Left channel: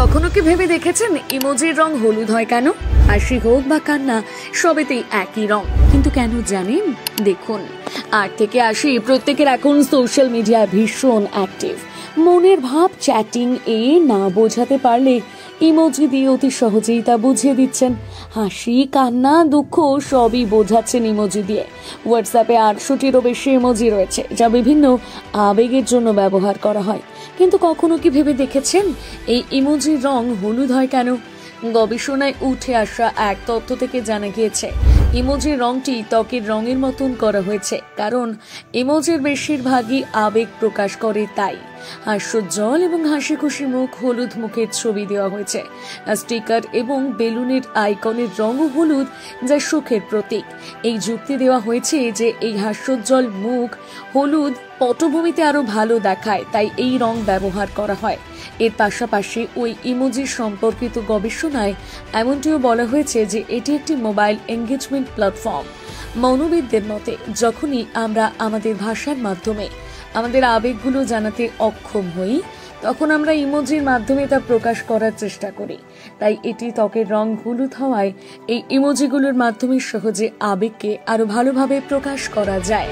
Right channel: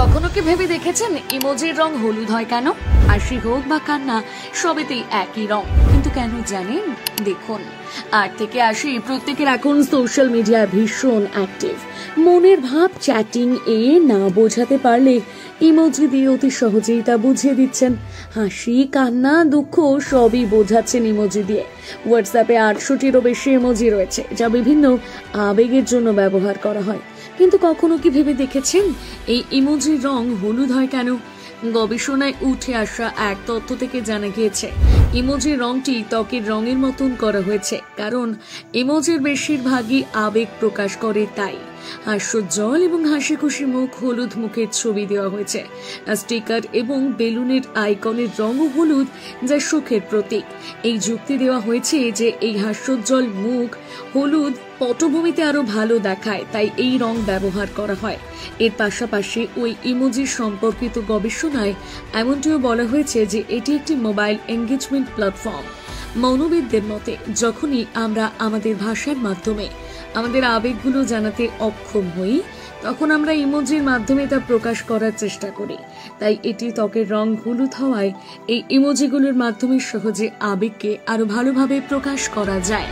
কখনো কি ভেবে দেখেছেন ইমোজির রং হলুদ হয় কেন? হাসি হোক বা কান্না সবেতেই একই রং, কিন্তু কেন জানেন? দেখুন, 8 থেকে 80 প্রত্যেকের এখন সোশ্যাল মিডিয়ায় ভীষণ অ্যাক্টিভ। মনের ভাব চ্যাটিং এ না বোঝাতে পারলে ইমোজি দিয়ে অতি সহজেই তা বুঝিয়ে দিচ্ছেন। হাসি, কান্না, দুঃখ সবই বোঝাচ্ছেন ইমোজি দিয়ে। হোয়াটসঅ্যাপে 800টিরও বেশি ইমোজি রয়েছে, যা বিভিন্ন আবেগের জন্য ব্যবহার করা হয়। কিন্তু কখনো কি ভেবে দেখেছেন এই ইমোজির রং হলুদ হয় কেন? গবেষণায় উঠে আসা এক তথ্য থেকে জানা গিয়েছে ইমোজির রংটি ত্বকের রঙের মতন করা হয়েছে, কারণ ইমোজির বেশিরভাগই আবেগ প্রকাশ করে। তাই হাস্যোজ্জ্বল এবং হাসি খুশি মুখ হলুদ মুখের ছবি দেওয়া হয়েছে। স্টিকার এবং বেলুনের আইকনের রঙও হলুদ, যা সুখের প্রতীক। এই যুক্তি দেওয়া হয়েছে যে এই হাস্যোজ্জ্বল মুখ হলুদ পটভূমিতে আরো ভালো দেখায়, তাই এই রং ব্যবহার করা হয়। এর পাশাপাশি ওই ইমোজির সম্পর্কিত গবেষণায় এমনটিও বলা হয়েছে যে এটি একটি মোবাইল এঙ্গেজমেন্ট প্ল্যাটফর্ম। মনোবিদদের মতে, যখনই আমরা আমাদের ভাষার মাধ্যমে আমাদের আবেগগুলো জানাতে অক্ষম হই, তখন আমরা ইমোজির মাধ্যমে তা প্রকাশ করার চেষ্টা করি। তাই এটি ত্বকের রং হলুদ হওয়ায় এই ইমোজিগুলোর মাধ্যমে সহজে আবেগকে আরো ভালোভাবে প্রকাশ করা যায়।